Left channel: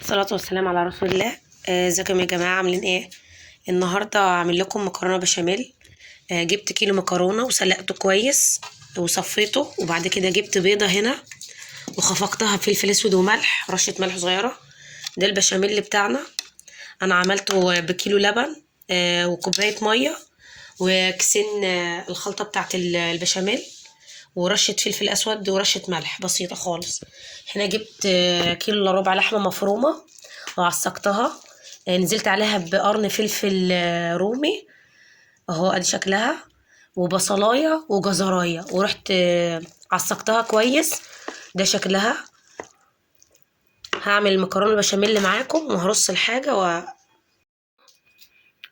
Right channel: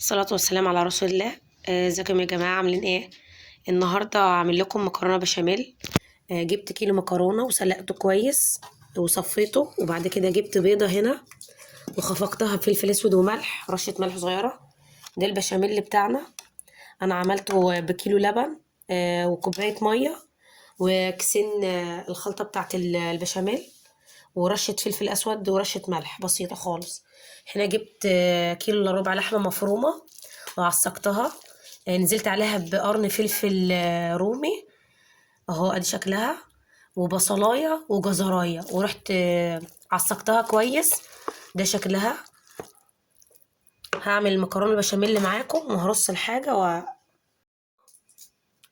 الصلاة والسلام على رسول الله. ازيكم يا جماعة، عاملين ايه؟ النهاردة هعمل لكم مكرونة بشاميل. جبت كيلو مكرونة وسلقته كويس وصفيته، وبعد كده جبت بيضة هنا وخفقتها بفلفل اسود وملح، رشة ملح صغيرة. ده البشاميل بتاعنا. انا عملته بكيلو لبن وكوباية مية وكيسين الخلطة بتاعت البشاميل، ورشة فلفل اسود ورشة ملح بسيطة خالص. هنا جبت كيلو الا ربع لحمة مفرومة وعسقتها. نزلت عليها بقرن فلفل رومي اهو، ادي شكلها، وبصلايه وجزرايه، ورحت عسقتها كويس. ده شكلها. هعمل المكرونه البشاميل معاكم وهرص الحاجه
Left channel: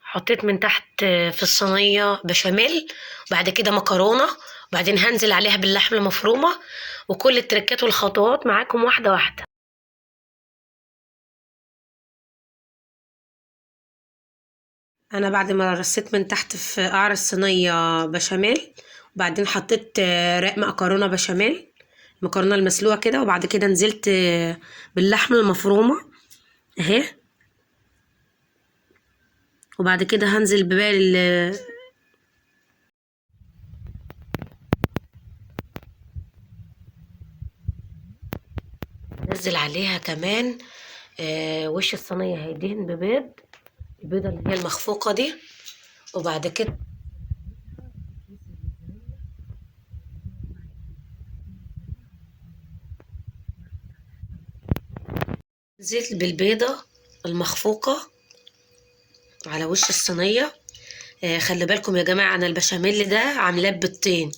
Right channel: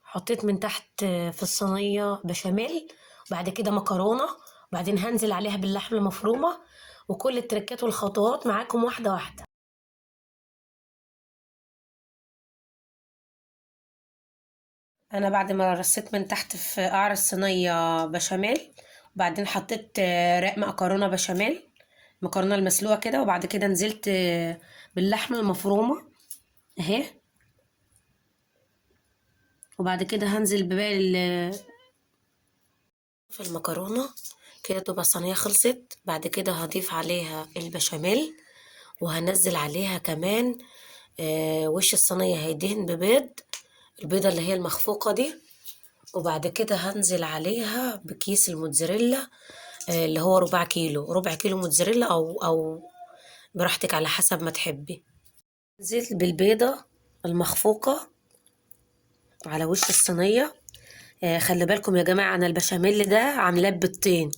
حطيت من تحت في الصينيه بشاميل، وبعد كده مكرونه، وبعدين هنزل عليها باللحمه المفرومه، وكل التركات والخطوات معاكم واحده واحده. انا بعد ما رصيت من تحت في قعر الصينيه بشاميل، وبعدين حطيت رق مكرونه بشاميل، المكرونه المسلوقه كده، وبعد كده نزلت باللحمه المفرومه اهي، وبعد كده هنزل بباقي في المكرونه كده. تبقى الصينيه خلصت. بعد كده هضيف عليها البشاميل، وهنزل عليها كمان وش الصينيه هيدهن ببيض، البيضه اللي هي المخفوقه دي، وبعد كده هنزل عليها بكيس الموتزاريلا اللي هو ربع كيلو موتزاريلا او براحتك على حسب ما تحبي. نزلت بالبيضة المخفوقة على وش الصينية. خلي بالكم يا جماعة، انا البشاميل ده عاملاه ببيضتين،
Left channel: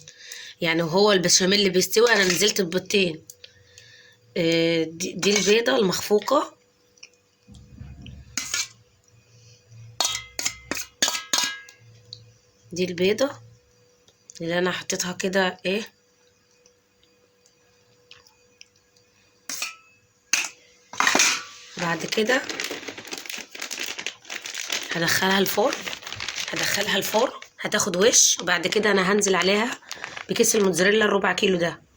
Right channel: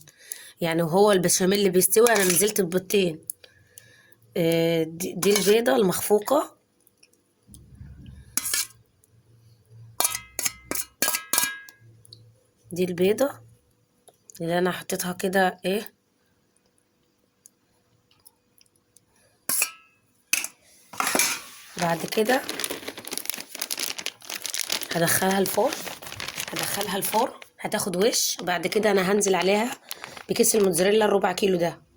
يعني وهو البشاميل اللي بيستوي انا نزلت ببيضتين. دي البيضة المخفوقة. دي البيضة اللي انا حطيتها كده ايه. بعد كده هدخلها الفرن هتاخد وش، وبعد كده انا هنزل عليها بكيس الموتزاريلا الربع كيلو ده.